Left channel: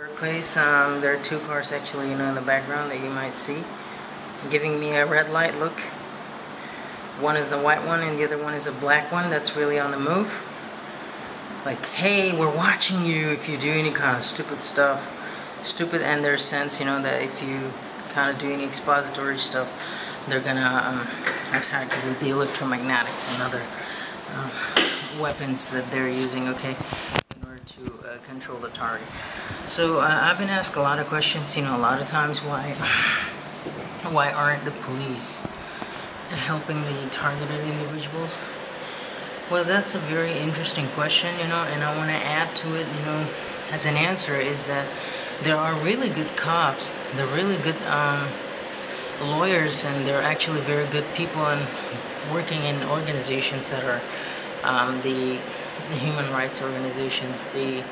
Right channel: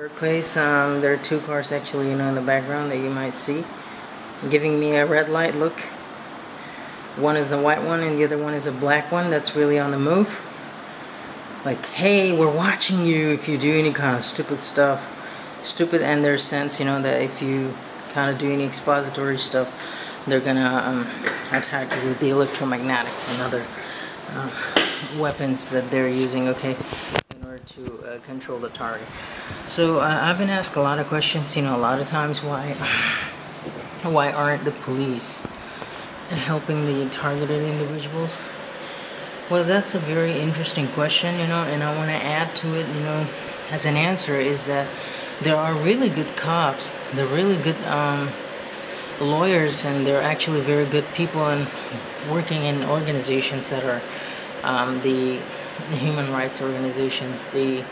Workplace, there are two cars actually, in the background that you might see, giving me a red light look. One is the white one and the other one is a black one that's really on the move. Like, hey, we're watching you if you do any kind of stupid stuff. Stupid in their sense, that if you kind of do any expository stuff, they're gonna attack you with the electromagnetics and other weapons that they're using, okay, in order to control the target. So I've been asked a lot of questions, a lot of times, why aren't the police helping the targeted individuals? Well, that's a very interesting question, and I want to add to it, as an answer, is that there are really good cops, they're really good lawyers, and they're actually very good people and working in organizations that are the human rights organizations, the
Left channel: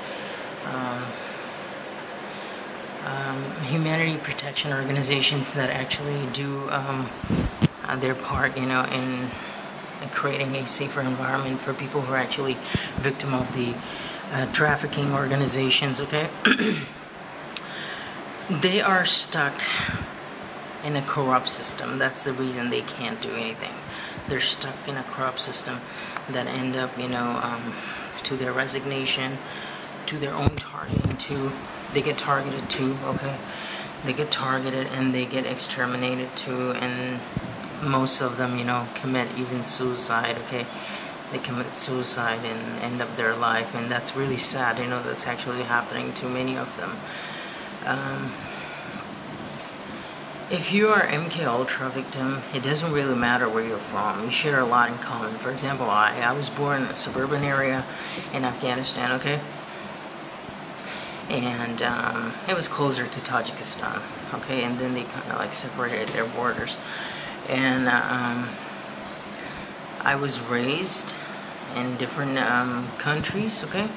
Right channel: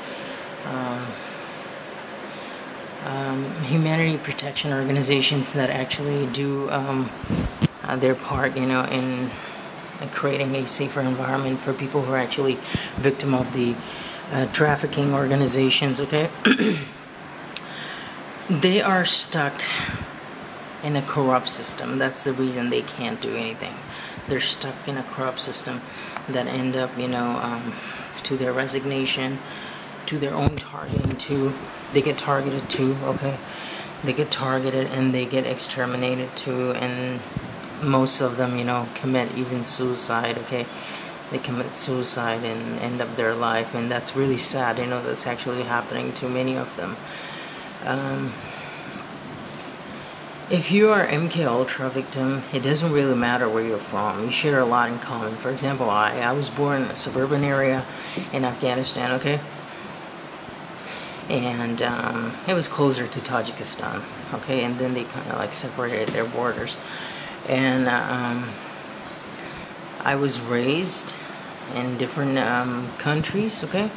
humanity protection organizations that actually do their part, in creating a safer environment for people who are actually victim of the trafficking organizations, okay? They are stuck in a corrupt system. That's the reason they can't do anything. They're stuck in a corrupt system that end up, to their resignation, to their own targeting too. They get targeted too, okay? They get targeted and they get exterminated too, and most of them, commit even suicide, okay? They commit suicide and end up their life, and that's really sad, that's actually happening to many of them. If you are MK Ultra victim, it doesn't really matter where you're from. You share a lot in common. For example, I was born in a suburban area in Afghanistan, okay? And it was closer to Tajikistan, okay? And then they kind of separated their borders. And I was raised in different countries, okay?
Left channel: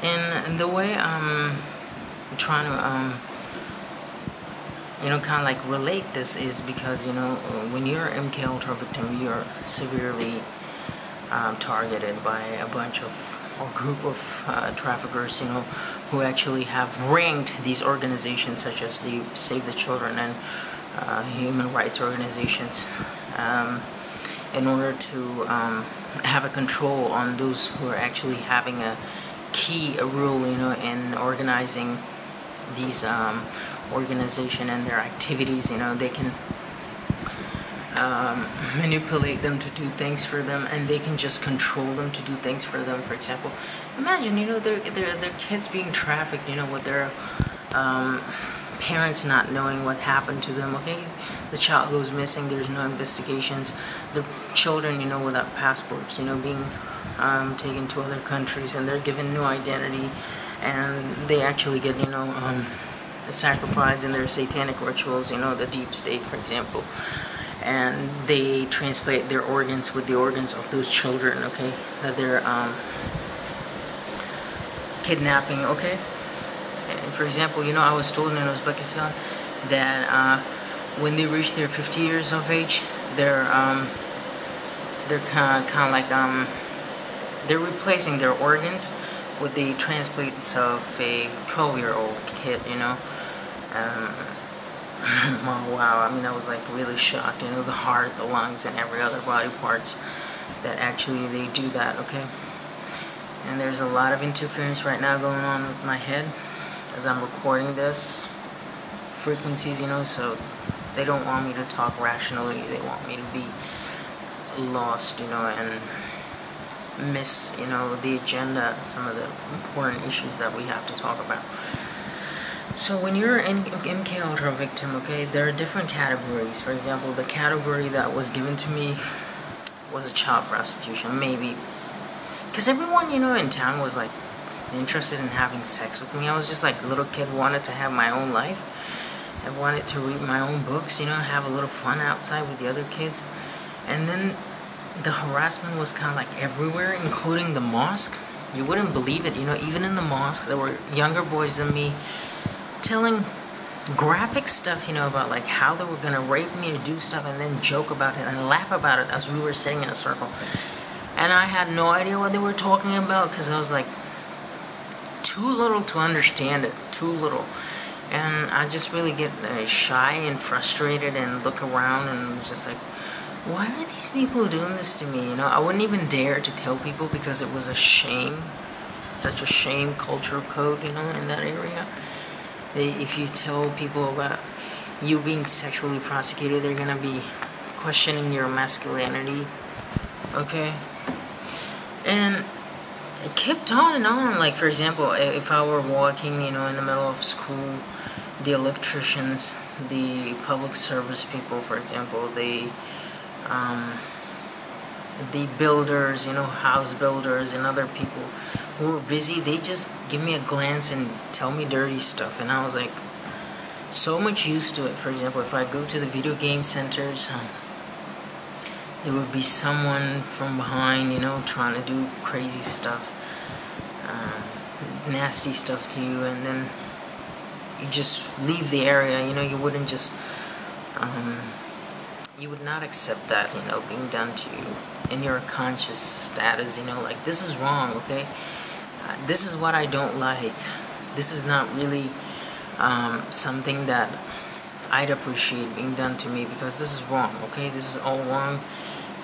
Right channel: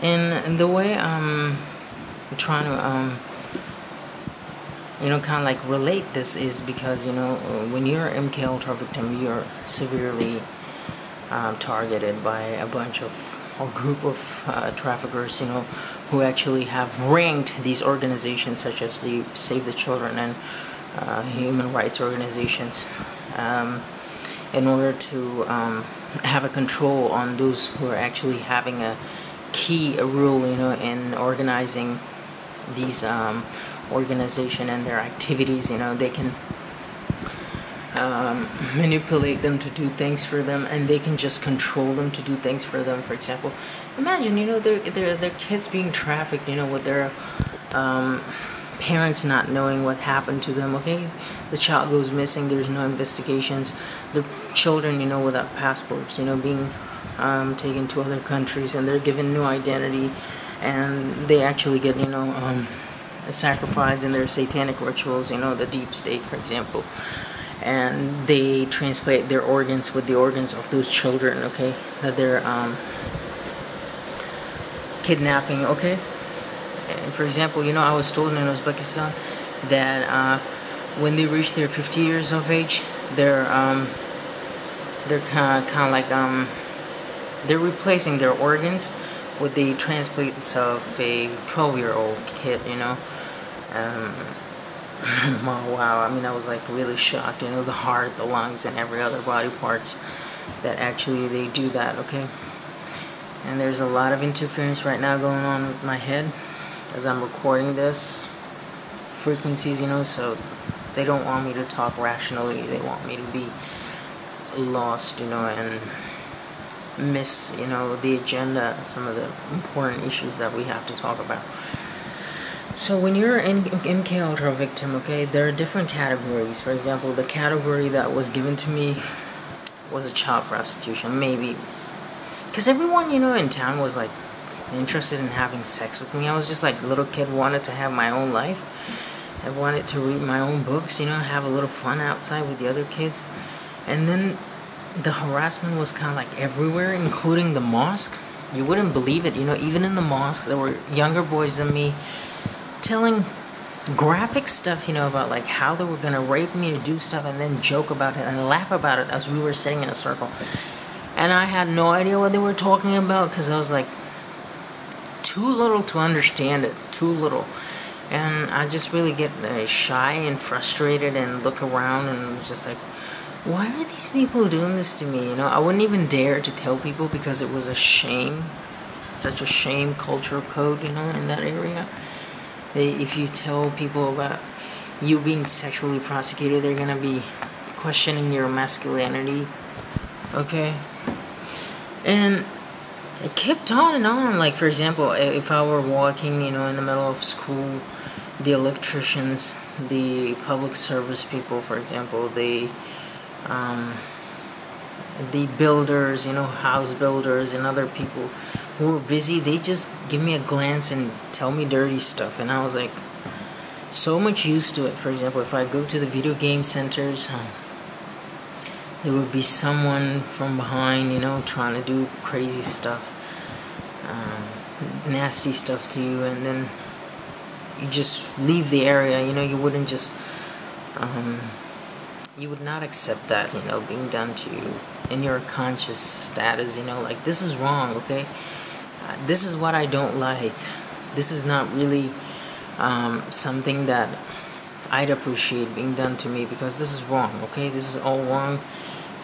And the way I'm trying to kind of relate this is because, when you're an MK Ultra victim, you're severely targeted by a bunch of, or group of traffickers, who actually have ranked these organizations such as the Save the Children and human rights organizations in order to have a control on those who are actually having a key role, in organizing these organization and their activities. They can manipulate them to do things for them, and they can just control them to do things for them. For example, imagine their kids being trafficked, with their parents not knowing what happened to them, okay? The child goes missing, there's no investigations. The children, without passports, being taken to other countries, and they're given new identity, and they actually get, sacrifice in their satanic rituals, the deepstate, for example, and they transplant their organs with the organs of those children, okay, that they're kidnapping, okay. And for example, I was told in Uzbekistan that when they reach their 50 years of age, they're kind of they're replacing their organs with the transplants of a 12-year-old kid, wow, I was really shocked, the heart, the lungs, and every other body parts that actually they do that, okay? And there's a lot of interference right now going on with my head as I'm recording this, frequencies, so they don't want me to talk rationally. They want me to be lost, and miss, the agenda, some of the important issues that we have to talk about. So when you're an MK Ultra victim, okay, there are different categories. For example, the category that was given to me was a child prostitution, maybe. Because everyone, in town was, interested in having sex with me. I was just a little kid, wanted to have my own life. I wanted to read my own books, have a little fun outside with the other kids. And then the harassment was kind of everywhere, including the mosque. You wouldn't believe it, even in the mosque, there were younger boys than me telling graphic stuff, about how they were going to rape me, to do stuff, and then joke about it and laugh about it as we were sitting in a circle. And I had no idea what they were talking about, because I was too little to understand it, too little. And I just really get shy and frustrated and look around and just like, why are these people doing this to me? You know, I wouldn't even dare to tell people because it was a shame, such a shame culture code, you know, in that area. If you tell people about you being sexually prosecuted, they're gonna be questioning your masculinity, okay? And it kept on and on. Like, for example, if I were walking, you know, in the middle of school, the electricians, the public service people, for example, the builders, you know, house builders and other people who were busy, they just give me a glance and tell me dirty stuff. And I was like, so much used to it. For example, if I go to the video game centers, there would be someone from behind, you know, trying to do crazy stuff, nasty stuff to you, and then you just leave the area. You know, you wouldn't just, you would not accept that, you know, being done to you in your conscious status, you know, like, this is wrong, okay? This is what I don't like. This is not really something that I'd appreciate being done to me, because this is wrong, okay? This is all wrong,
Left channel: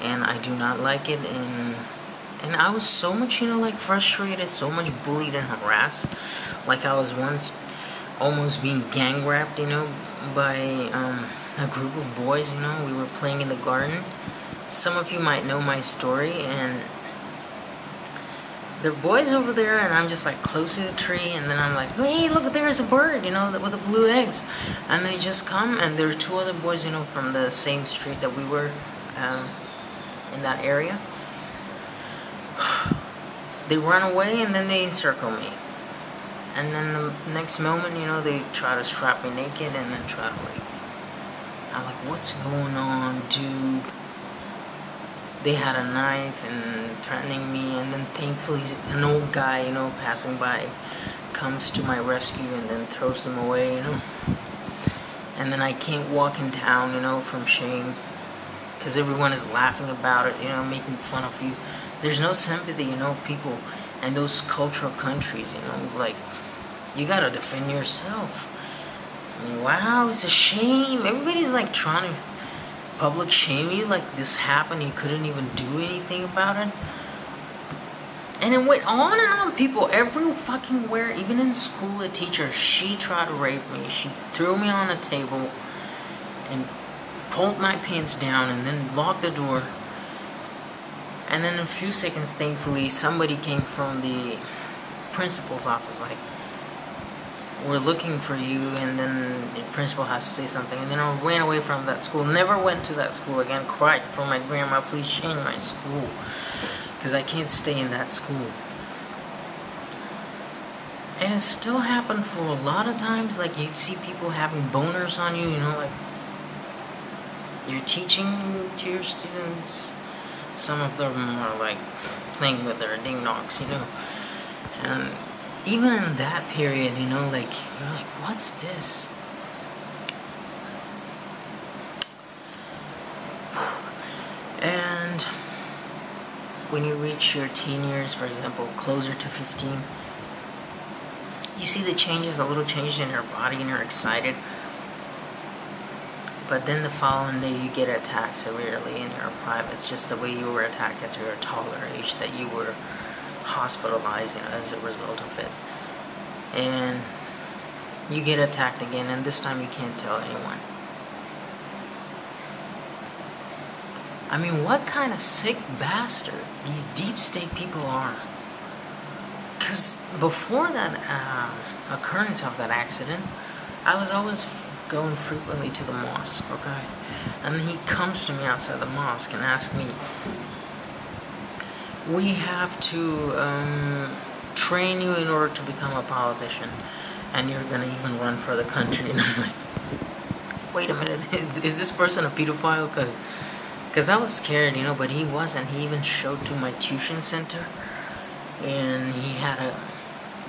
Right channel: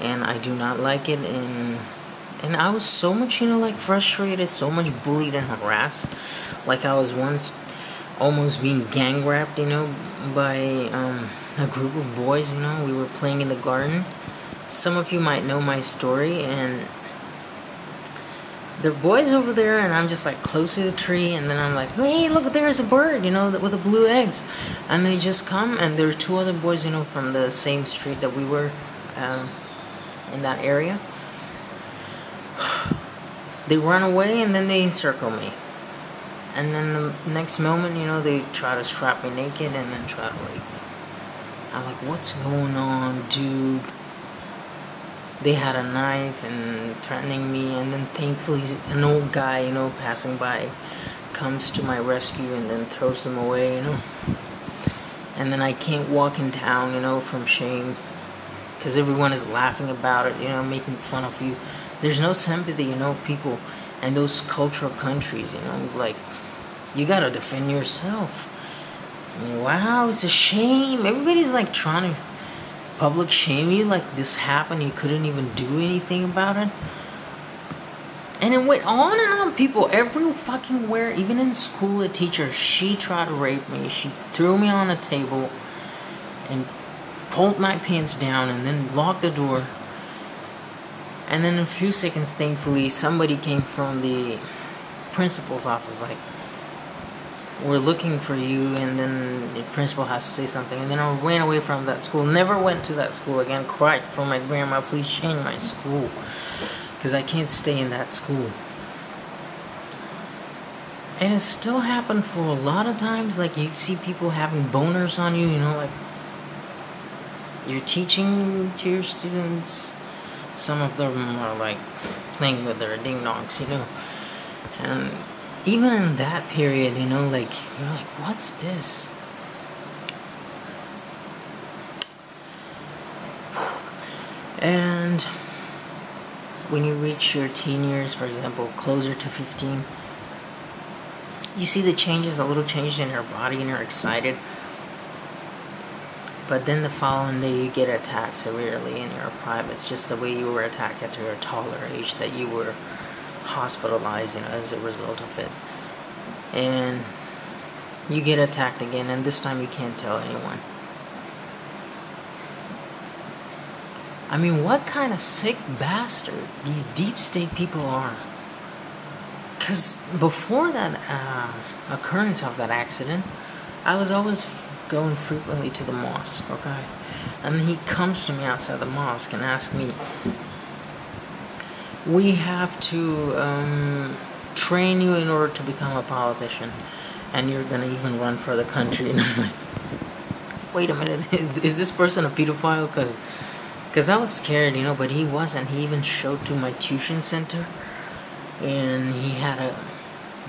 and I do not like it. And I was so much, you know, like, frustrated, so much bullied and harassed. Like, I was once almost being gang raped, you know, by a group of boys, you know. We were playing in the garden. Some of you might know my story, and there are boys over there, and I'm just like close to the tree, and then I'm like, hey, look, there's a bird, you know, with the blue eggs. And they just come, and there are two other boys, you know, from the same street that we were in that area. They run away, and then they encircle me. And then the next moment, you know, they try to strap me naked and then try to rape me. I'm like, what's going on, dude? They had a knife and threatening me, and then thankfully an old guy, you know, passing by comes to my rescue and then throws them away, you know. And then I can't walk in town, you know, from shame, because everyone is laughing about it, you know, making fun of you. There's no sympathy, you know, people in those cultural countries, you know, like, you gotta defend yourself. I mean, wow, it's a shame. Everybody's like trying to public shame you, like this happened, you couldn't even do anything about it. And it went on and on. People every fucking where, even in school, a teacher, she tried to rape me. She threw me on a table and pulled my pants down and then locked the door. And then in a few seconds, thankfully, somebody came from the principal's office, like, we're looking for you, and then the principal has to say something. And then I ran away from that school, never went to that school again, cried for my grandma, please change my school, because I can't stay in that school. And it still happened for a lot of times. Like, you'd see people having boners on you, you know, like, you're teaching to your students. Some of them are, like, playing with their ding-dongs, you know. And even in that period, you know, like, you're like, what's this? And when you reach your teen years, for example, closer to 15, you see the changes, a little change in your body, and you're excited. But then the following day, you get attacked severely in your privates, just the way you were attacked at your taller age, that you were hospitalized, you know, as a result of it. And you get attacked again, and this time you can't tell anyone. I mean, what kind of sick bastard these deep state people are. Because before that occurrence of that accident, I was always going frequently to the mosque, okay? And he comes to me outside the mosque and asks me, we have to train you in order to become a politician, and you're going to even run for the country. And I'm like, wait a minute, is this person a pedophile? Because I was scared, you know, but he wasn't. He even showed to my tuition center, and he had a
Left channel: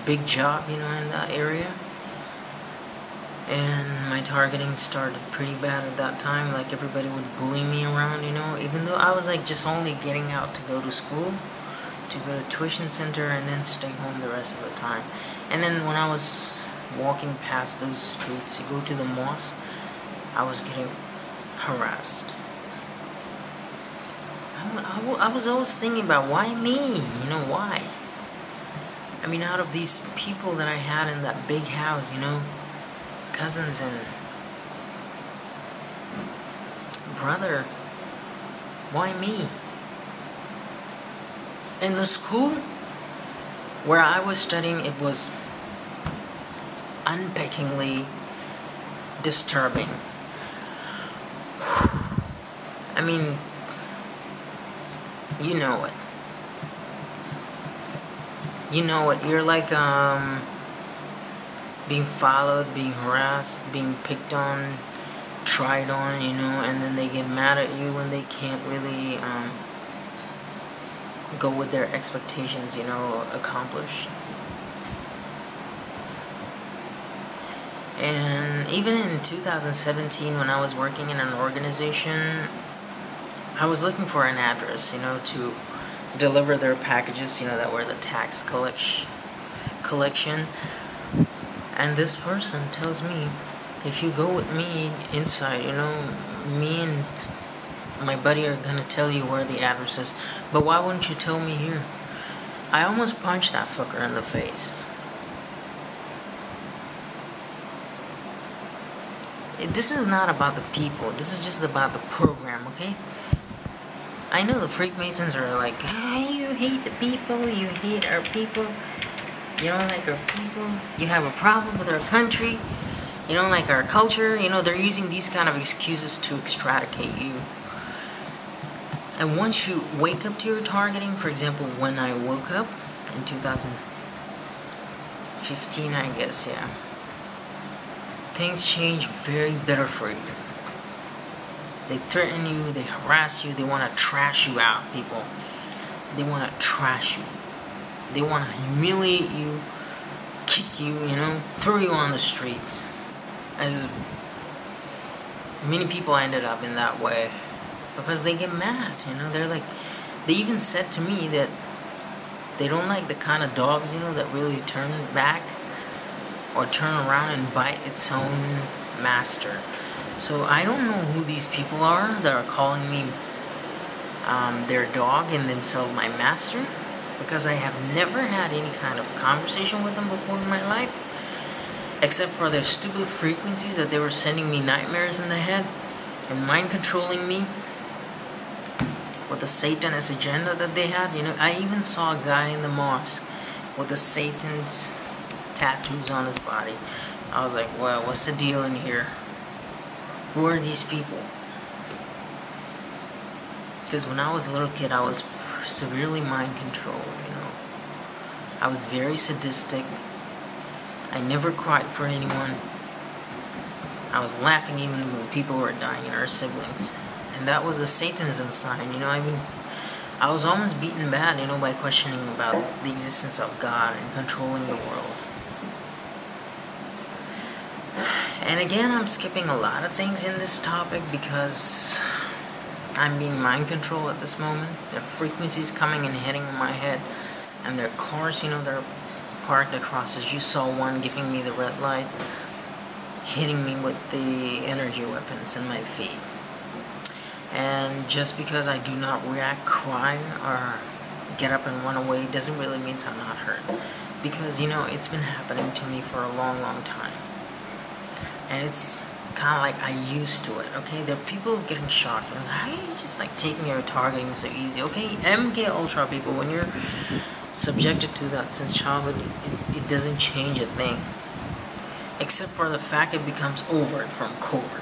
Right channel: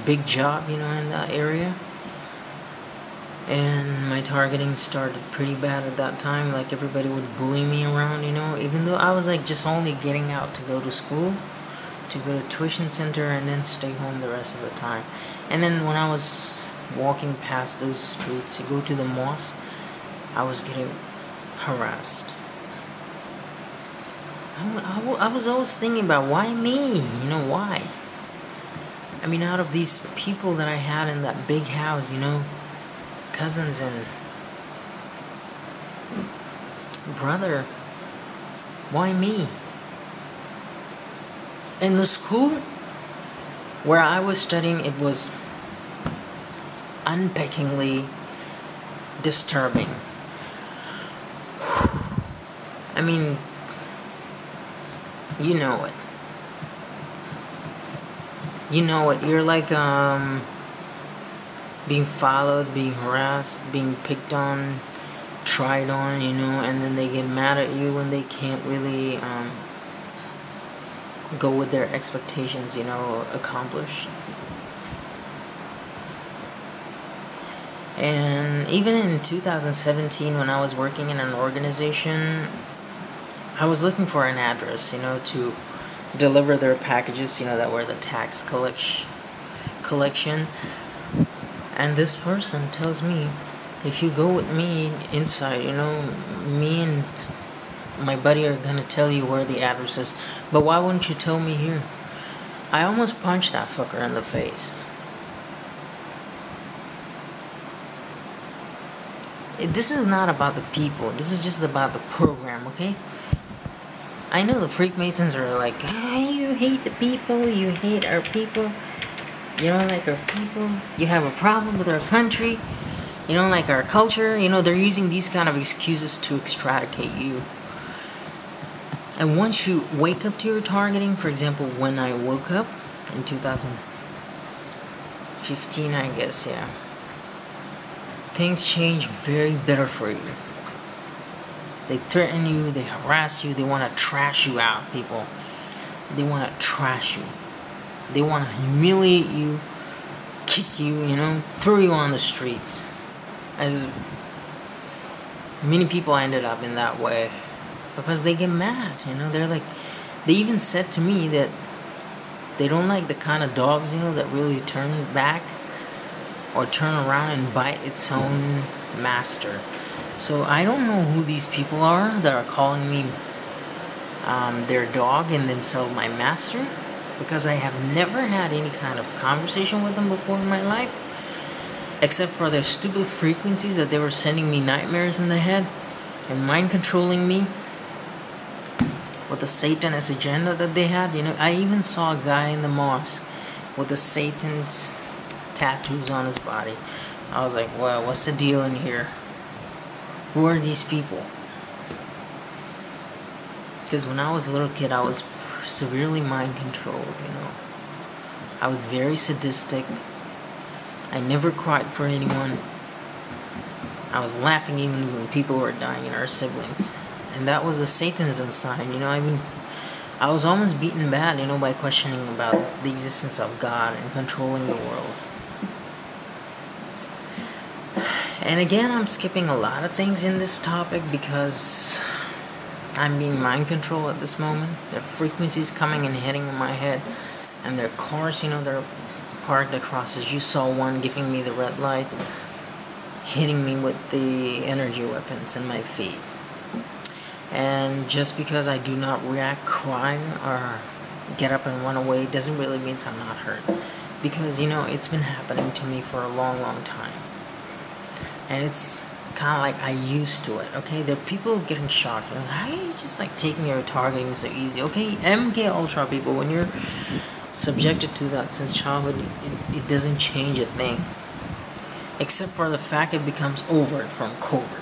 big job, you know, in that area. And my targeting started pretty bad at that time. Like, everybody would bully me around, you know, even though I was, like, just only getting out to go to school. to go to tuition center and then stay home the rest of the time. And then when I was walking past those streets to go to the mosque, I was getting harassed. I was always thinking about, why me? You know, why? I mean, out of these people that I had in that big house, you know, cousins and brother, why me? In the school where I was studying, it was unpackingly disturbing. I mean, you know it. You know it. You're like being followed, being harassed, being picked on, tried on, you know, and then they get mad at you when they can't really go with their expectations, you know, accomplish. And even in 2017, when I was working in an organization, I was looking for an address, you know, to deliver their packages, you know, that were the tax collection. And this person tells me, if you go with me inside, you know, me and my buddy are gonna tell you where the address is. But why wouldn't you tell me here? I almost punched that fucker in the face. This is not about the people. This is just about the program, okay? I know the Freakmasons are like, hey, you hate the people, you hate our people, you don't like our people, you have a problem with our country, you don't like our culture. You know, they're using these kind of excuses to extradicate you. And once you wake up to your targeting, for example, when I woke up in 2015, I guess, yeah, things change very bitter for you. They threaten you, they harass you, they want to trash you out, people. They want to trash you. They want to humiliate you, kick you, you know, throw you on the streets. As many people ended up in that way because they get mad, you know. They're like, they even said to me that they don't like the kind of dogs, you know, that really turn back or turn around and bite its own master. So I don't know who these people are that are calling me their dog and themselves my master, because I have never had any kind of conversation with them before in my life, except for their stupid frequencies that they were sending me nightmares in the head and mind controlling me with the Satanist agenda that they had. You know, I even saw a guy in the mosque with the Satan's tattoos on his body. I was like, well, what's the deal in here? Who are these people? Because when I was a little kid, I was severely mind controlled, you know. I was very sadistic. I never cried for anyone. I was laughing even when people were dying and our siblings. And that was the Satanism sign, you know. I was almost beaten bad, you know, by questioning about the existence of God and controlling the world. And again, I'm skipping a lot of things in this topic because I'm being mind controlled at this moment. The frequencies coming and hitting in my head, and their cars, you know, they're parked across. As you saw one giving me the red light, hitting me with the energy weapons in my feet. And just because I do not react, cry, or get up and run away doesn't really mean I'm not hurt. Because, you know, it's been happening to me for a long, long time. And it's kind of like I used to it, okay? There are people getting shocked. How are you just like taking your targeting so easy? Okay, MK Ultra people, when you're subjected to that since childhood, it doesn't change a thing. Except for the fact it becomes overt from covert.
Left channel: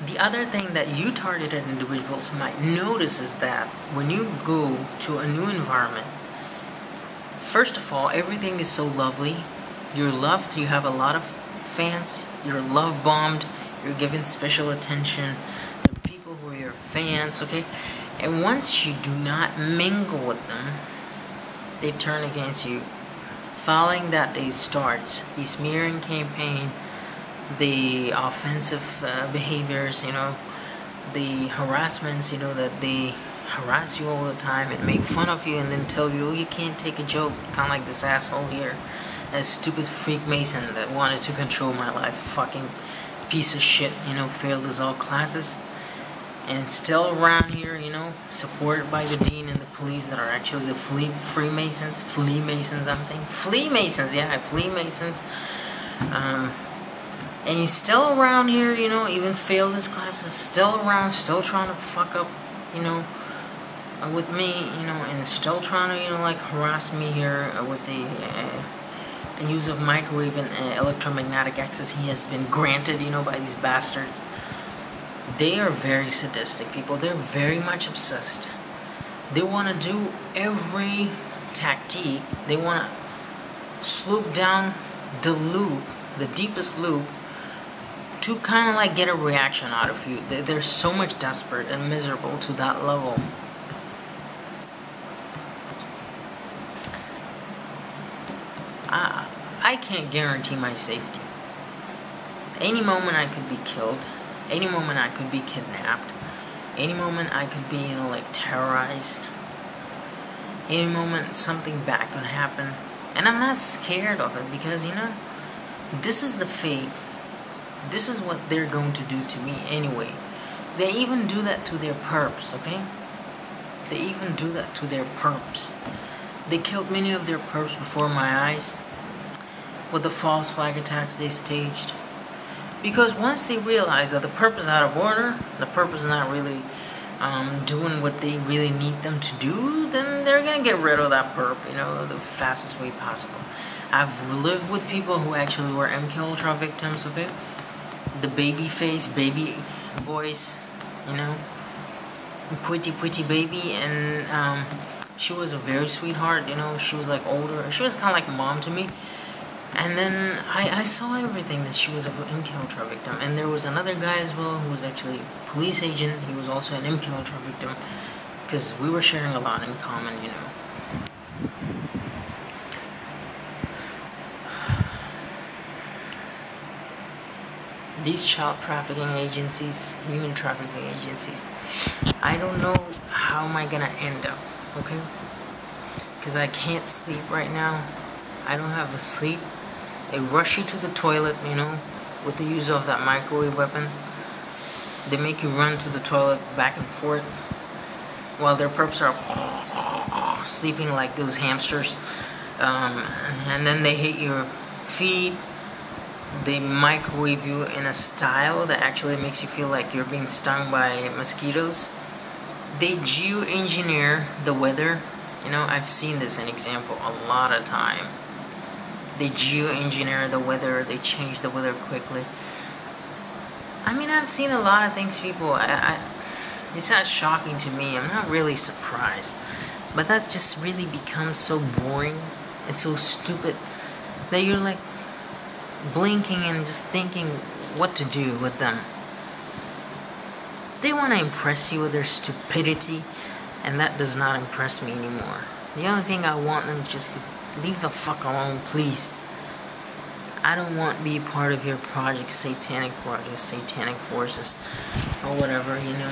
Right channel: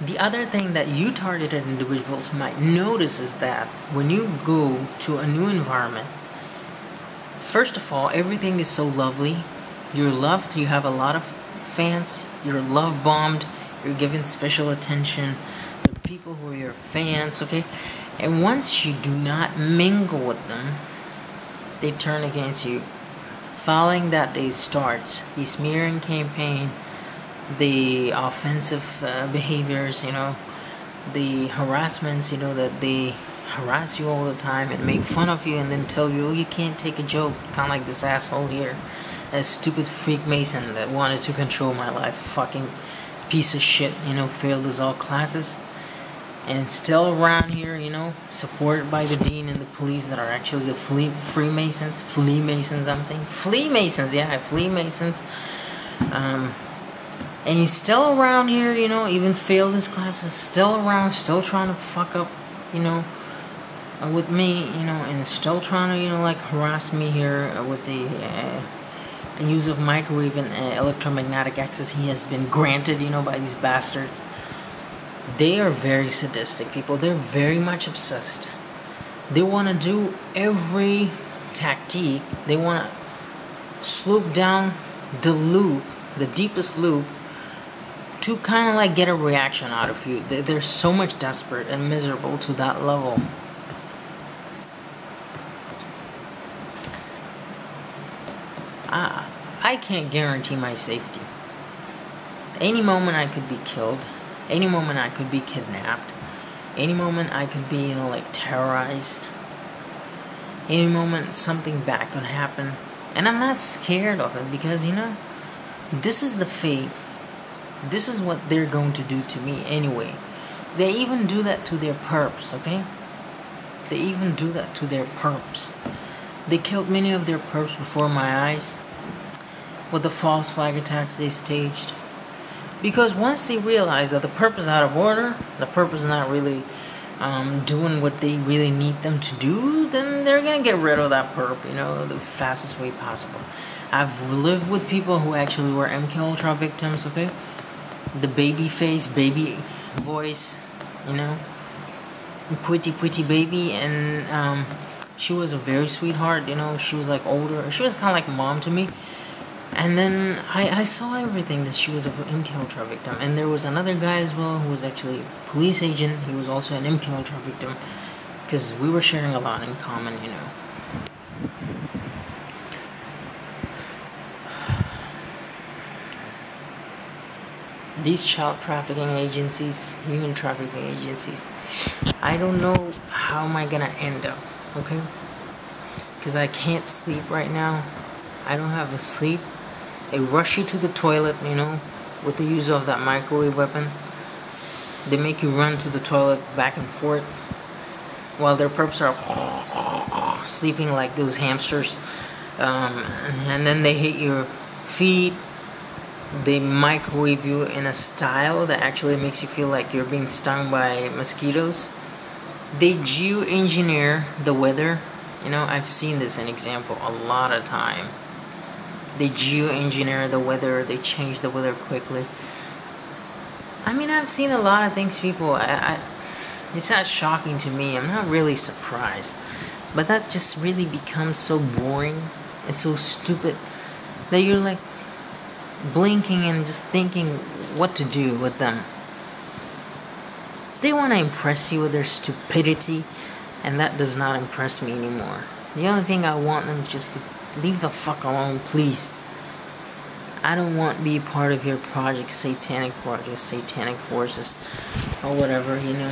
The other thing that you targeted individuals might notice is that when you go to a new environment, first of all, everything is so lovely. You're loved, you have a lot of fans, you're love bombed, you're given special attention. The people who are your fans, okay? And once you do not mingle with them, they turn against you. Following that day starts the smearing campaign, the offensive behaviors, you know, the harassments, you know, that they harass you all the time and make fun of you and then tell you, oh, you can't take a joke, kind of like this asshole here, a stupid Freemason that wanted to control my life, fucking piece of shit, you know, failed his all classes, and still around here, you know, supported by the dean and the police that are actually the Freemasons, I'm saying, Freemasons, yeah, Freemasons, and he's still around here, you know, even failed his classes, still around, still trying to fuck up, you know, with me, you know, and still trying to, you know, like, harass me here with the use of microwave and electromagnetic access he has been granted, you know, by these bastards. They are very sadistic people. They're very much obsessed. They want to do every tactique. They want to slope down the loop, the deepest loop, to kind of like get a reaction out of you. They're so much desperate and miserable to that level. I can't guarantee my safety. Any moment I could be killed. Any moment I could be kidnapped. Any moment I could be, you know, like, terrorized. Any moment something bad could happen. And I'm not scared of it because, you know, this is the fate. This is what they're going to do to me anyway. They even do that to their perps, okay? They even do that to their perps. They killed many of their perps before my eyes with the false flag attacks they staged. Because once they realize that the perp is out of order, the perp is not really doing what they really need them to do, then they're going to get rid of that perp, you know, the fastest way possible. I've lived with people who actually were MK Ultra victims, okay? The baby face, baby voice, you know, pretty baby, and she was a very sweetheart, you know, she was like older, she was kind of like mom to me. And then I saw everything that she was an MK Ultra victim. And there was another guy as well who was actually a police agent. He was also an MK Ultra victim. Because we were sharing a lot in common, you know. These child trafficking agencies, human trafficking agencies, I don't know how am I going to end up, okay? Because I can't sleep right now. I don't have a sleep. They rush you to the toilet, you know, with the use of that microwave weapon. They make you run to the toilet back and forth while their perps are sleeping like those hamsters. And then they hit your feet. They microwave you in a style that actually makes you feel like you're being stung by mosquitoes. They geoengineer the weather. You know, I've seen this in example a lot of time. They geoengineer the weather. They change the weather quickly. I mean, I've seen a lot of things, people. It's not shocking to me. I'm not really surprised. But that just really becomes so boring and so stupid that you're like blinking and just thinking what to do with them. They want to impress you with their stupidity, and that does not impress me anymore. The only thing I want them just to leave the fuck alone, please. I don't want to be part of your project, satanic forces, or whatever, you know.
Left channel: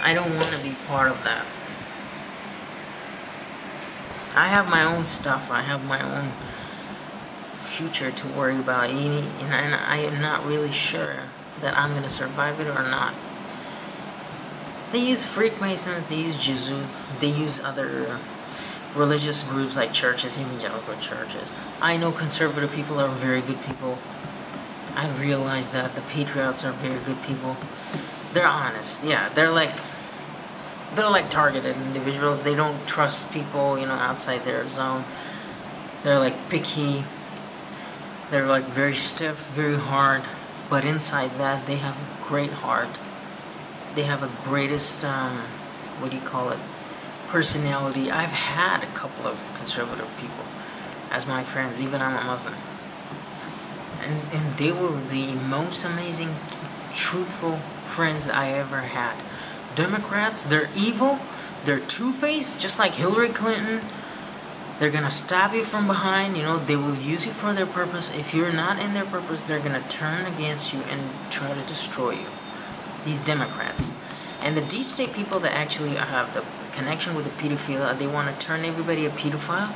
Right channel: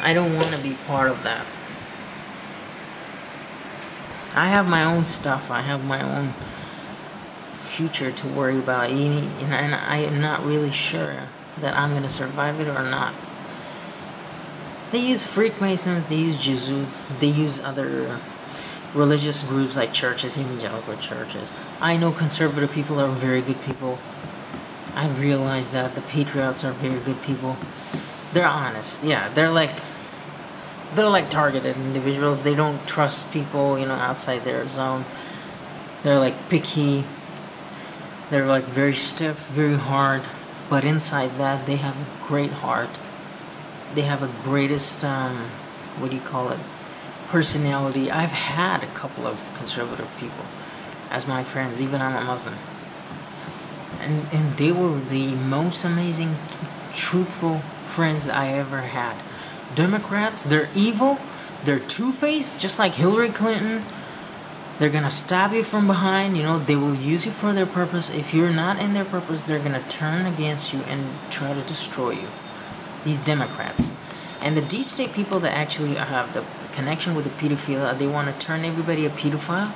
I don't want to be part of that. I have my own stuff. I have my own future to worry about, and I am not really sure that I'm going to survive it or not. They use Freemasons, they use Jesuits, they use other religious groups like churches, evangelical churches. I know conservative people are very good people. I've realized that the patriots are very good people. They're honest, yeah. They're like targeted individuals. They don't trust people, you know, outside their zone. They're like picky. They're like very stiff, very hard. But inside that, they have a great heart. They have a greatest, personality. I've had a couple of conservative people as my friends, even I'm a Muslim. And they were the most amazing, truthful friends that I ever had. Democrats, they're evil, they're two-faced, just like Hillary Clinton. They're gonna stab you from behind, you know, they will use you for their purpose. If you're not in their purpose, they're gonna turn against you and try to destroy you. these Democrats. And the deep state people that actually have the connection with the pedophilia, they want to turn everybody a pedophile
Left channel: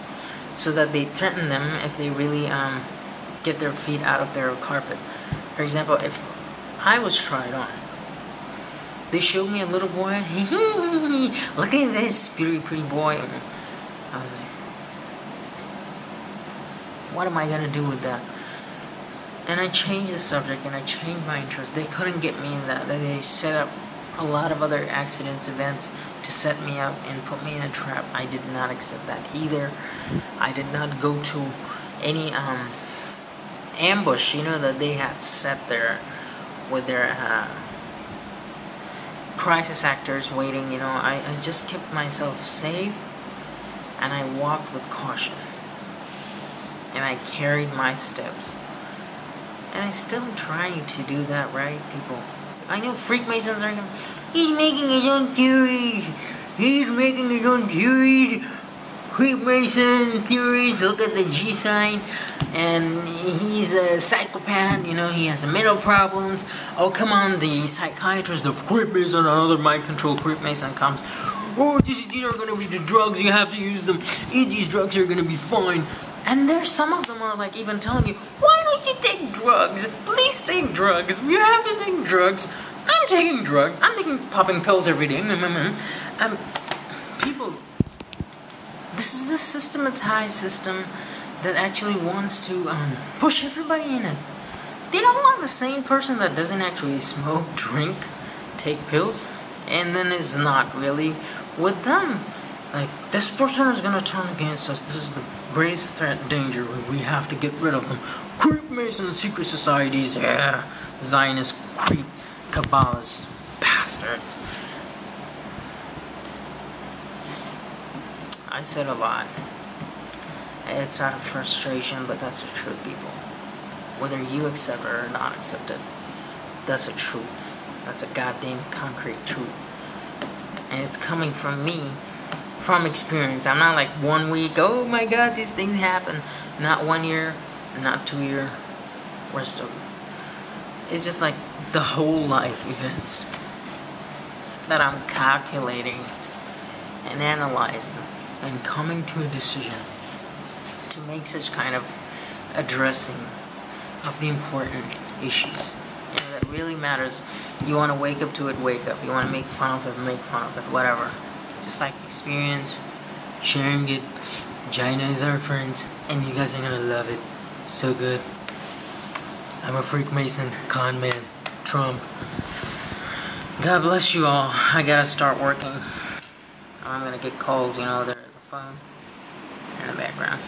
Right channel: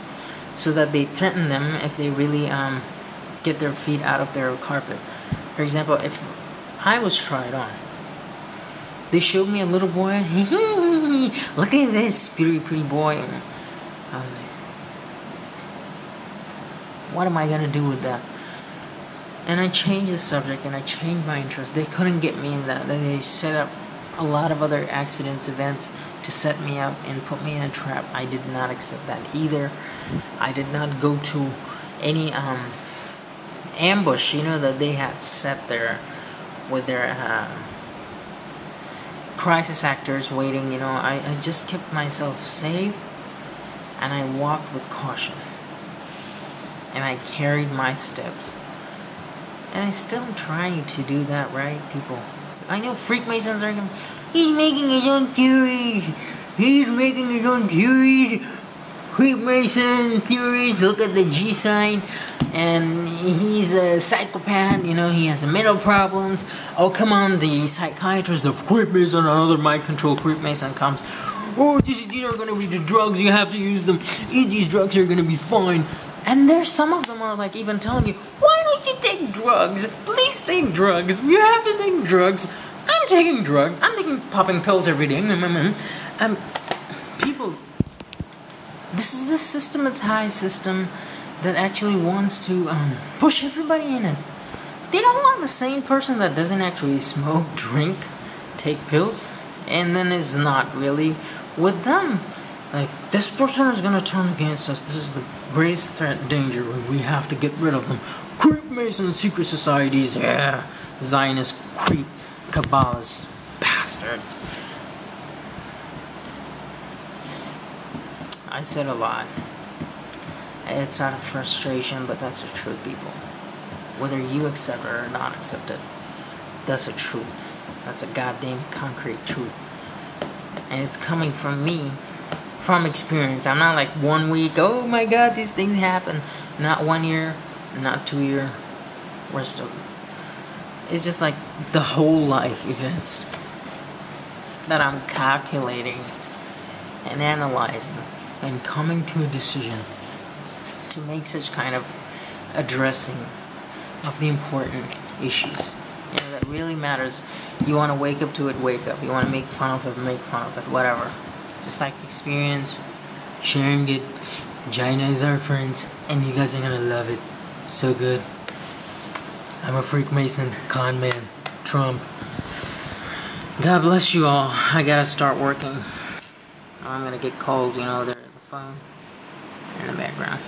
so that they threaten them if they really get their feet out of their carpet. For example, if I was tried on, they showed me a little boy, look at this pretty boy, and I was like, what am I going to do with that? And I changed the subject, and I changed my interest. They couldn't get me in that, and they set up a lot of other accidents, events to set me up and put me in a trap. I did not accept that either. I did not go to any ambush, that they had set there with their crisis actors waiting. I just kept myself safe, and I walked with caution, and I carried my steps, and I still am trying to do that, right, people? I know Freakmasons are going, he's making his own theories. He's making his own theories. Freemason theories. Look at the G sign. And he's a psychopath. He has mental problems. Oh, come on, the psychiatrist, the Freemason, another mind-control Freemason comes. Oh, these are going to be the drugs. You have to use them. Eat these drugs. You're going to be fine. And there's some of them are like even telling you, why don't you take drugs? Please take drugs. You have to take drugs. I'm taking drugs. I'm popping pills every day. People, this is the systematized system that actually wants to push everybody in it. They don't want the same person that doesn't actually smoke, drink, take pills, and then is not really with them. Like, this person is going to turn against us. This is the greatest threat, danger. We have to get rid of them. Creep Mason secret societies. Yeah. Zionist creep Kabbalah's bastards. I said a lot. It's out of frustration, but that's the truth, people. Whether you accept it or not accept it, that's the truth. That's a goddamn concrete truth. And it's coming from me. From experience. I'm not like 1 week, oh my god, these things happen. Not 1 year, not 2 year. Rest of it. It's just like the whole life events that I'm calculating and analyzing and coming to a decision to make such kind of addressing of the important issues. That really matters. You want to wake up to it, wake up. You want to make fun of it, make fun of it, whatever. Just like experience, sharing it. China is our friends, and you guys are gonna love it. So good. I'm a Freemason, con man, Trump. God bless you all. I gotta start working. I'm gonna get calls, they're on the phone in the background.